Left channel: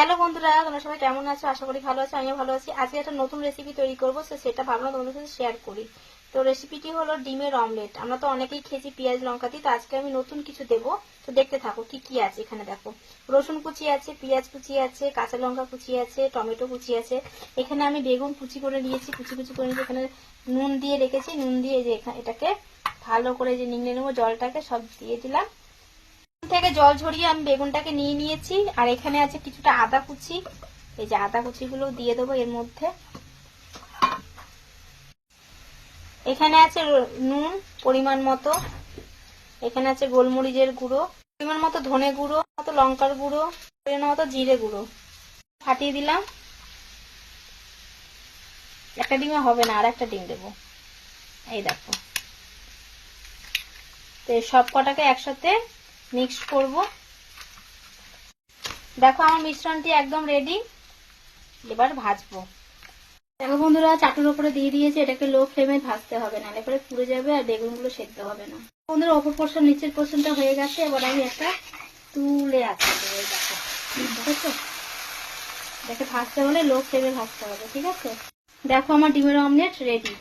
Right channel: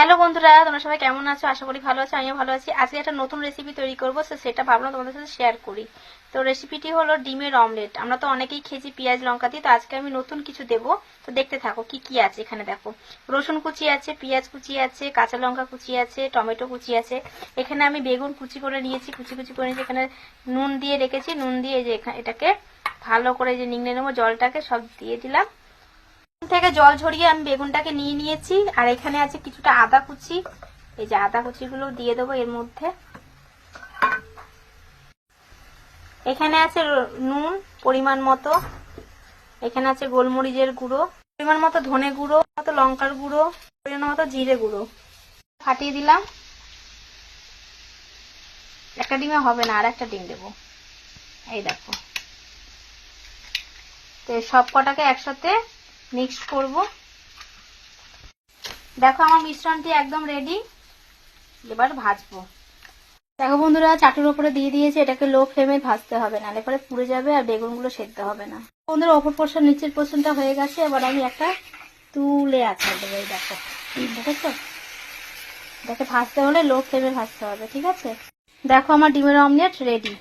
Hello বন্ধুরা, তোমরা সবাই কেমন আছো? আশা করি ভালো আছো, আমিও ভালো আছি। আজকে একটা নতুন রেসিপি তৈরি করবো, সেটা ভাবলাম তোমাদের সাথে শেয়ার করি। তো রেসিপিটি হলো ডিমের অমলেট। আমরা তো অনেকেই খেয়েছি পেঁয়াজ লঙ্কা দিয়ে, তো আজকে আমি নতুন কিছু দেবো। তো দেখতে থাকো কি কি আছে এখানে। দেখো, রসুন কুচি আছে, পেঁয়াজ কুচি আছে, কাঁচা লঙ্কা কুচি আছে, টমেটো কুচি আছে। এখানে আমি বেগুন কুচি করে নিয়েছি, কুচি কুচি করে নিয়েছি। এখানে নুন দিয়ে রেখেছি, নুন দিয়ে যে এটাকে ভালো করে যে নিংড়ে নেবো, জলটাকে সব দিয়ে দিলাম। থেকে জল ঝরিয়ে আমি বেগুনটাকে নিয়ে নিয়েছি। আর এখানে আছে কিছুটা আদা কুচি, এই যে আদা কুচিগুলো দিয়ে দেবো এর মধ্যে। এখানে আছে নুন পরিমাণ মতো, এখানে আছে গোলমরিচের গুঁড়ো পরিমাণ মতো, ধনে গুঁড়ো মতো, লঙ্কার গুঁড়ো পরিমাণ মতো, জিরে গুঁড়ো। ফাটিয়ে দিলাম। একটা ডিমে হবে না, আর একটা ডিম দেবো। এই দেখো, তো সব কটাকে একসাথে মিক্স করব। দেখো আমার মিশ্রণটি একদম রেডি, এবার ভাজবো। দেখো বন্ধুরা, চাটুর উপরে দিয়ে দিয়েছে, এটাকে লো ফ্লেমে ভাজতে হবে, নাহলে পরে পুড়ে যাবে আর বেগুনগুলো সেদ্ধ হবে না। বন্ধুরা, ওপর পোর্শন নিচের পোর্শনটা হয়ে গেছে। এবার আমি একটা তুলে আঁচড়ে দেবো। এই দেখো, দেখেছো? এটাকে ভাজতে হলে লো ফ্লেমে ভাজতে হবে, ঠিক আছে? দেখো আমার ডিমের অমলেট রেডি।